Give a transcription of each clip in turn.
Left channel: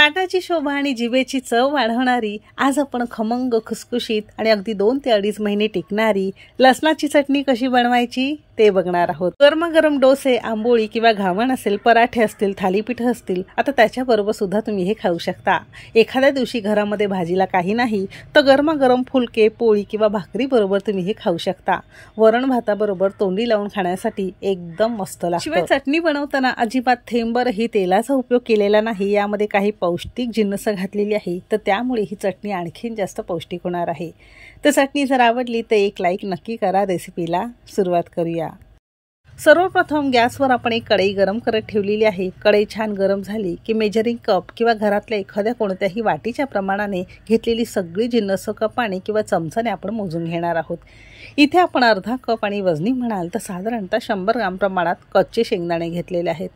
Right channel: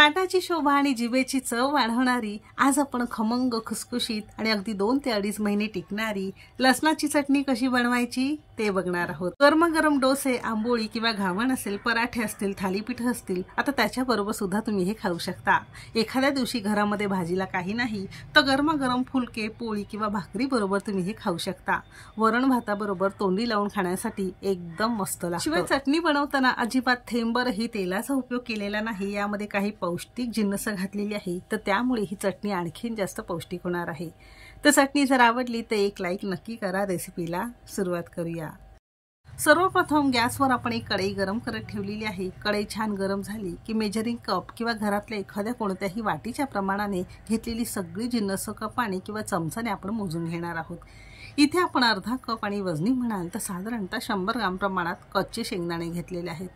ताटाची शोभा आणि जिभेची चव वाढवणारी आज आपण खमंग खुसखुशीत आणि अगदी 2 ते 2.5 महिने टिकणारी लसणाची चटणी कशी बनवायची ते बघणार आहोत। गरमागरम डोसे, आंबोळी किंवा घावण असेल, पराठे असतील, थालीपीठ असतील, आता त्याच्याबरोबर सुद्धा तुम्ही हे खाऊ शकता। एखाद्या दिवशी घरामध्ये भाजीला काही नाही तर गरमागरम फुलके, पोळी किंवा भाकरी बरोबर तुम्ही हे खाऊ शकता। वरण भाताबरोबर तोंडी लावून खाण्यासाठी एकदम मस्त लागतं। शिवाय चटणी बनवताना अजिबात थेंबरही तेलाचा उपयोग केलेला नाही। यामध्ये काही पौष्टिक जिन्नस घातलेली आहे तर त्यामुळे ही चटणी आणखीन जास्त पौष्टिक होणार आहे। तर चटणी जर आवडली तर एक लाईक नक्की करा। रेसिपीला सुरुवात करूया। सर्वप्रथम गॅसवर आपण एक कढई गरम करत ठेवलेली आहे। कढई छान गरम झाली की मेजरिंग कप किंवा घरातल्या एखाद्या कोणत्याही वाटीच्या प्रमाणाने घेतलेली सगळी जिन्नस कपाने किंवा चमचाने आपण मोजून घेणार आहोत। इथे आपण अर्धा कप आणि वजनी म्हणाल तर साधारणतः 100 ग्राम प्रमाणात कच्चे शेंगदाणे घेतलेले आहेत।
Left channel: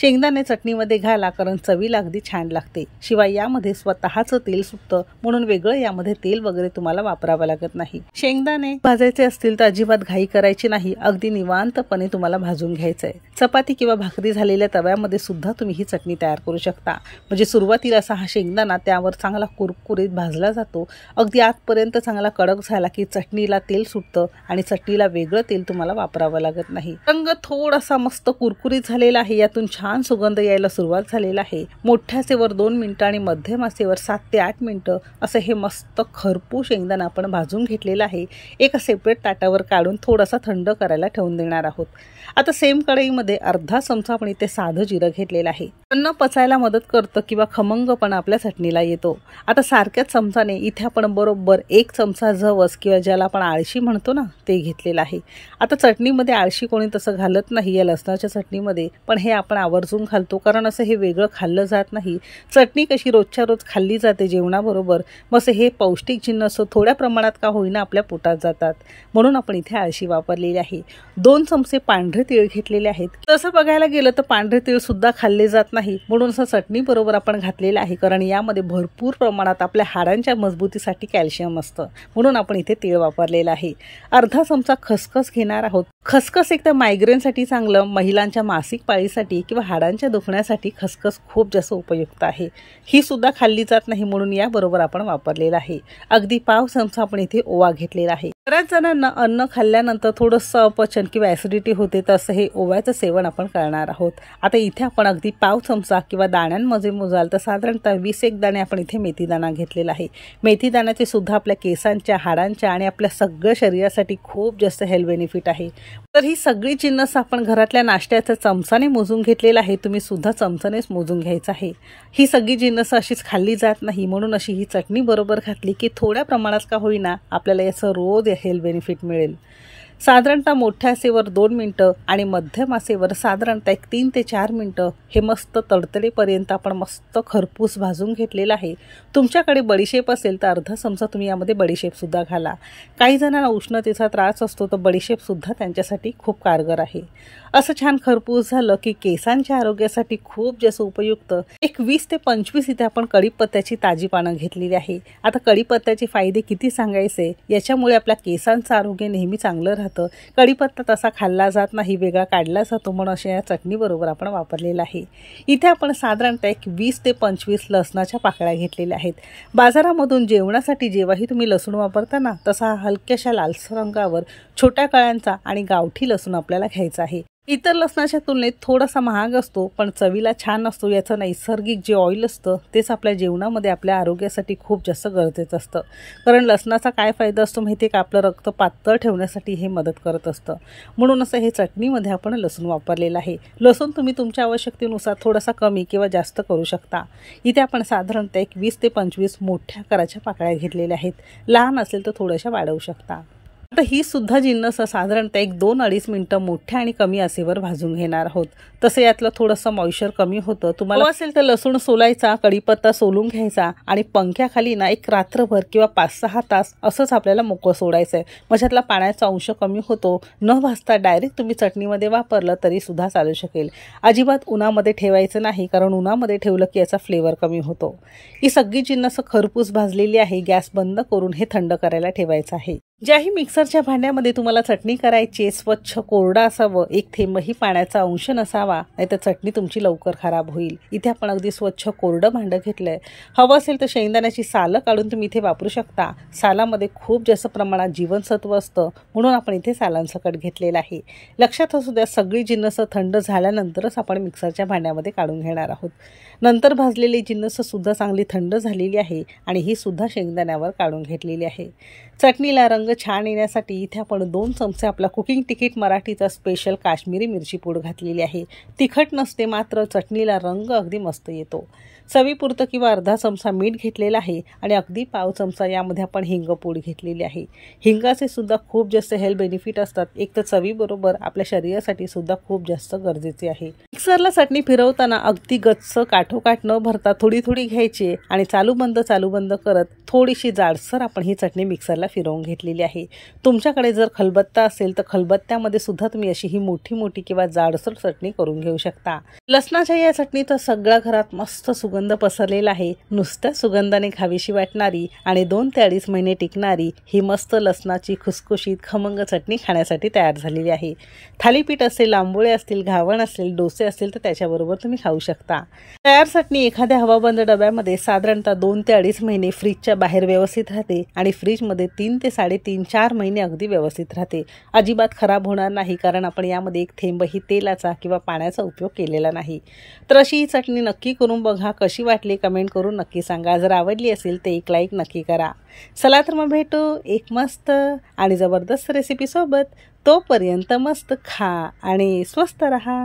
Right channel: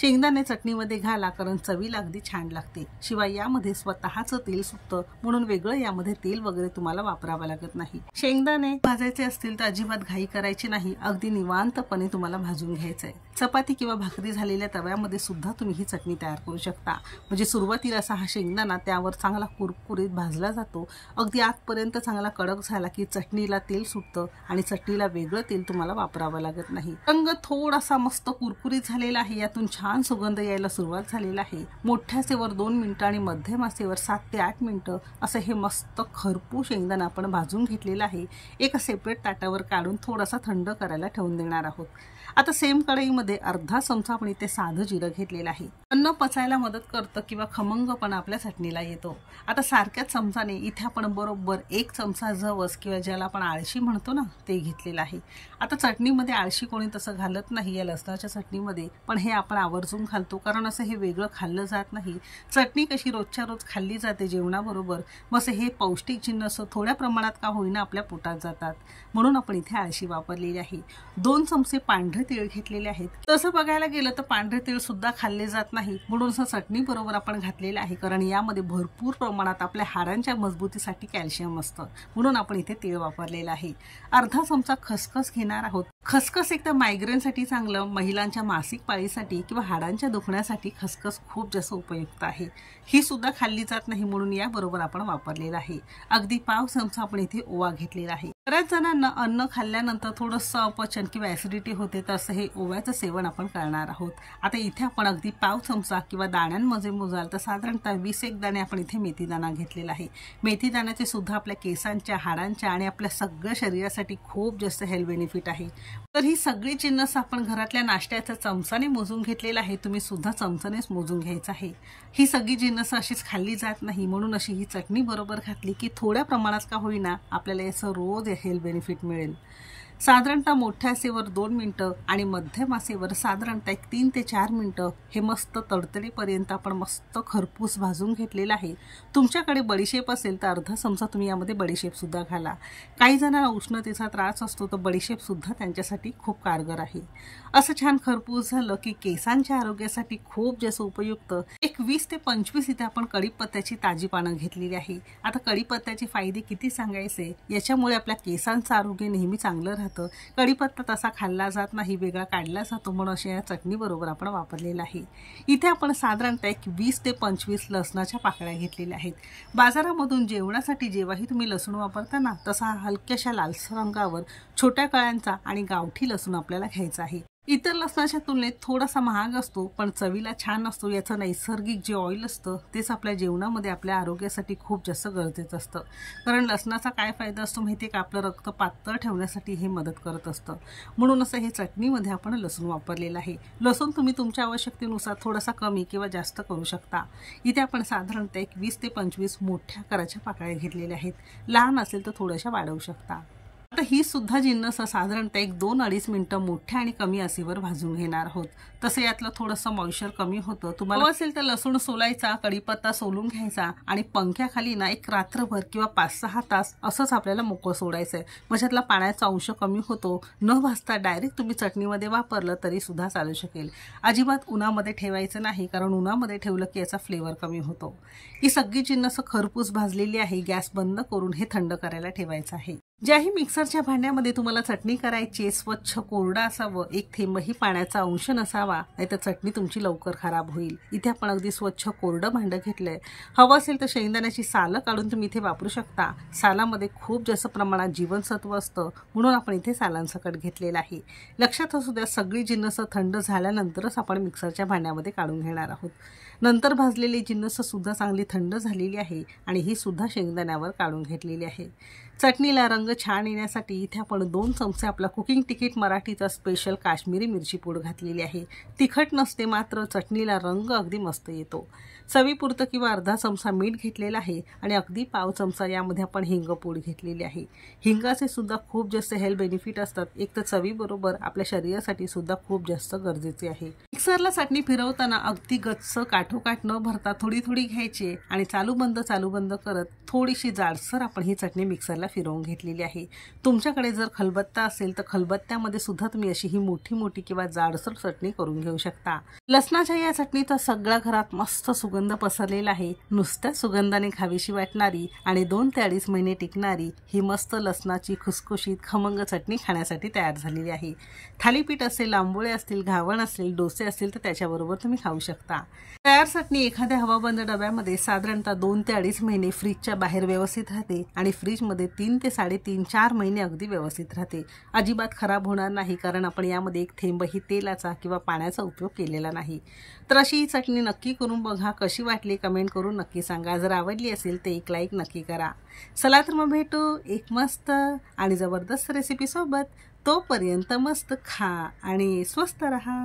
शेंगदाणे चटणीमध्ये घाला कारण चवीला अगदी छान लागते। शिवाय यामध्ये स्वतःचं तेल सुटतं म्हणून वेगळं यामध्ये तेल वगैरे तुम्हाला वापरावं लागत नाही। शेंगदाणे भाजायचे असतील तर अजिबात घाई करायची नाही, अगदी निवांतपणे तुम्हाला भाजून घ्यायचंय। चपाती किंवा भाकरी झालेल्या तव्यामध्ये सुद्धा तुम्ही ही चटणी तयार करू शकता। म्हणजे सुरुवातीला असा हा शेंगदाणा त्यावर चांगला कुरकुरीत भाजला जातो, अगदी आतपर्यंत चांगला कडक झाला की चटणीला तेल सुटतं आणि चटणीला वेगळं तेल तुम्हाला वापरावं लागत नाही। रंग थोडासा मस्त कुरकुरीत झालेला आहे, यातून छान सुगंध यायला सुरुवात झालेला आहे। मोठ्या आचेवर 2 मिनिटं आणि मध्यम आचेवर 7 ते 8 मिनिटं असं हे मस्त खरपूस शेंगदाणा आपण भाजून घेतलेला आहे। एका सेपरेट ताटावर काढून थोडासा थंड करायला ठेवून देणार आहोत। आता सेम कढईमध्ये अर्धा चमचा आपण इथे साधं जिरं घेतलेलं आहे। अन्न पचायला मदत करतं किंवा खमंगपणा आपल्या चटणीला येतो। आता सारख्याच चमचाने इथे आपण बरोबर 1 चमचा जवस किंवा ज्याला आपण आळशी म्हणतो ना ते घेतलेलं आहे। आता चटणीमध्ये आळशी कोणी तसं घालत नाही या लसणाच्या चटणीमध्ये, पण हे आपण आवर्जून घालतो कारण असं हे वेगळं खाल्लं जात नाही। चटणी कशी रोजच्या रोज खाल्ली जाते जेवणाबरोबर, मग हे पौष्टिक जिन्नस थोड्या प्रमाणात का होईना आपल्या पोटात जातात, म्हणून आपण इथे आळशी वापरलेली आहे। 2 चमचे पांढरे तीळ घेतलेले आहेत। तसं बघायला गेलं तर पांढरे तीळ सुद्धा खाल्ले जात नाही, म्हणून असं चटणी बरोबर आपण घातलेलं आहे कारण यामध्ये भरपूर प्रमाणात आपल्या हाडांच्या मजबूतीसाठी कॅल्शियम असतं, म्हणून आपण इथे तीळ वापरलेलं आहे। अर्धा चमचा खसखस घेणार आहोत। खसखस एकदा मायग्रेनसाठी चांगलं, महिलांच्या मासिक पाळीसाठी किंवा हाडांच्या दुखण्यासाठी खसखस खूप जास्त उपयुक्त आहे। ही सुद्धा खाल्ली जात नाही म्हणून या बरोबर आपण वापरलेला आहे। अगदी पाव चमचा आपण इथे ओवा घेतलेला आहे। बऱ्याच जणांना अन्न खाल्ल्यानंतर थोडंसं अपचन किंवा ऍसिडिटी होते, तर असं हे ओव्याचं सेवन आपण करणार आहोत। आता इथे आपण अगदी पाव चमचा किंवा दाण्यांमध्ये मोजाल तर साधारणतः 20 दाणे आपण इथे मेथी दाणा घेतलेला आहे। मेथी दाण्याचे सुद्धा आपल्या केसांच्या, हाडांच्या आणि आपल्या सगळ्या शरीरासाठी खूप जास्त हेल्थ बेनिफिट आहे। तर ही सगळी जिन्नस आपण घरातल्या नाश्त्याच्या चमचाने मोजून घेतलेला आहे, तुम्ही सुद्धा चमचानेच मोजून घ्यायचं आहे। ही सगळी जिन्नस अशीच खाल्ली जात नाही, म्हणून अशी ही चटणी बरोबर घातली की थोड्या प्रमाणात का होईना आपल्याला याचं रोज हेल्थ बेनिफिट मिळेल। साधारणतः मोठ्या आचेवर 2 मिनिटं आणि मध्यम आचेवर साधारणतः 3 ते 4 मिनिटं हे मस्त तडतडेपर्यंत आपण मस्त खरपूस भाजून घेतलेलं आहे। तुमच्याकडे बडीशेप असेल तर अर्धा चमचा तुम्ही यामध्ये बडीशेप सुद्धा घाला। काही जणांना उष्णतेचा त्रास असतो तर बडीशेप सुद्धा त्यांच्यासाठी खूप कारगर आहे। असं छान खरपूस झालं की केसांच्या आरोग्यासाठी खूप जास्त उपयुक्त एक 20 ते 25 इथे आपण कढीपत्त्याची ताजी पानं घेतलेली आहे। आता कढीपत्त्याचे फायदे किती सांगायचे, याच्यामुळे आपल्या केसांचं आरोग्य नेहमी चांगलं राहतं। कढीपत्ता तसा खाल्ला जात नाही, वेगळा काढला जातो, म्हणून अशा या चटणी बरोबर आपण वापरलेला आहे। इथे आपण साधारणतः 20 ते 25 लसणाच्या पाकळ्या घेतलेल्या आहेत। बाजारामधून जेवणासाठी जेव्हाही तुम्ही लसूण वापरता ना, तसा हलक्याशा लालसर रंगावर छोट्या कळ्यांचा आणि गावठी लसूण आपल्याला घ्यायचा आहे। इतर लसणाच्या तुलनेत थोडासा महाग असतो, पण चवीला छान असतो। याचं नैसर्गिक जे ऑइल असतं तेच आपल्या जेवणामध्ये आपल्या आरोग्यासाठी खूप जास्त गरजेचं असतं। कारण लसणाचा काय फायदा असतो माहिती आहे का, आपलं रक्त पातळ ठेवण्यासाठी हे मदत करत असतं, म्हणून असं हे चटणीमध्ये आपण लसूण वापरलेलं आहे। लसूण तुम्ही तुमच्या आवश्यकतेनुसार थोडासा कमी किंवा जास्त करू शकता। इथे आपण साधारणतः 20 ते 25 मोठ्या आकाराच्या पाकळ्या घेतलेल्या आहेत, लहान असेल तर थोड्याशा वाढवू शकता। आता ही सुद्धा जिन्नस साधारणतः 2-2.5 मिनिटं मोठ्या आणि कमी आचेवर भाजून घेणार आहोत। तसं यातलं थोडंसं मॉइश्चर कमी होतं। तुम्हाला असेल तर लसूण सोलायचा, कढीपत्ता सोलून घ्यायचा आणि पंख्याखाली ना एक रात्रभर किंवा 5-6 तास असंच आपल्याला मोकळं सोडायचं आहे। म्हणजे पाण्याचा अंश कमी होतो। न भाजता डायरेक्ट तुम्ही चटणीमध्ये वापरलं तरी सुद्धा चालू शकेल। अजिबात उन्हामध्ये ठेवायचं नाही, कारण उन्हामध्ये ठेवलं की याचा फ्लेवर कमी होतो। ही सगळी जिन्नस खरपूस भाजलेली आहे। गॅस बंद करून हे थंड करायला ठेवायचं आहे। ज्याही मिक्सरच्या भांड्यामध्ये तुम्हाला चटणी करायची स्वच्छ कोरडा असावं, एक थेंबही पाण्याचा अंश नसावा, नाहीतर चटणी तुमची लवकर खराब होईल। इथे आपण अगदी स्वच्छ कोरडं भांडं घेतलंय। हवं असेल तर शेंगदाण्याची सालं काढून तुम्ही इथे वापरू शकता। सालामध्ये खूप जास्त प्रमाणात जीवनसत्व असतं, म्हणून आपण इथे सालांसकट घेतलेलं आहे। लक्षात असू द्या, सगळी जिन्नस थंड झाल्यानंतरच आपण मिक्सरच्या भांड्यामध्ये काढून घेणार आहोत। नंतर भाजलेली जिन्नस सुद्धा चांगली थंड झालेली आहे आणि ही सुद्धा शेंगदाण्यावर काढून घेतलेली आहे। चटणीला रंग छान येण्यासाठी इथे आपण 2 चमचे आपला कुकिंग तिखट मराठीचा स्पेशल काश्मीरी मिरची पूड घातलेली आहे। तिखट नसते, मात्र चटणीला रंग अगदी मस्त येतो। चवीपुरतं किंवा अर्धा चमचा मीठ घेतलेला आहे आणि अगदी पाव चमचा यामध्ये आपण हिंग पूड घेतलेली आहे। हिंगाचे सुद्धा खूप जास्त हेल्थ बेनिफिट असतात। एक तर चवीबरोबर आपल्या शरीरासाठी सुद्धा खूप जास्त गरजेचे आहे। मिक्सरला चटणी फिरवताना अगदी गच्च काठोकाठ न भरता थोडी थोडी घ्यायची आणि चालू बंद करत थोडीशी जाडसर आपण ही चटणी मिक्सरला फिरवून घेतलेली आहे। तुमच्याकडे जर खलबत्ता असेल तर खलबत्त्यामध्ये सुद्धा तुम्ही अशी ही मोठी किंवा जाडसर चटणी करून घेऊ शकता। लसणाच्या या चटणीचा सगळ्या घरात मस्त सुगंध पसरलेला आहे। नुसत्या सुगंधाने खावीशी वाटणारी आणि 2 ते 2.5 महिने टिकणारी ही मस्त लसणाची खुसखुशीत खमंग चटणी खाण्यासाठी तयार झालेली आहे। थालीपीठ असेल, आंबोळे असतील, घावण असेल, डोसे असतील तर त्याच्याबरोबर तुम्ही खाऊ शकता। तयार चटणी एखाद्या हवाबंद डब्यामध्ये साधारणतः 2 ते 2.5 महिने फ्रीजच्या बाहेर व्यवस्थित राहते आणि फ्रीजमध्ये 3 ते 3.5-4 महिने अगदी व्यवस्थित राहते। अजिबात खराब होणार नाही, कारण आपण यामध्ये एक थेंबही तेलाचा किंवा पाण्याचा उपयोग केलेला नाही। तर अशी ही चटणी नक्की करून बघा, कशी वाटली कमेंट करून नक्की सांगा। जर आवडली असेल तर एक लाईक नक्की करा। चला तर मग भेटू एक मस्त आणि जबरदस्त रेसिपी सोबत। तोपर्यंत मस्त खा आणि स्वस्त रहा।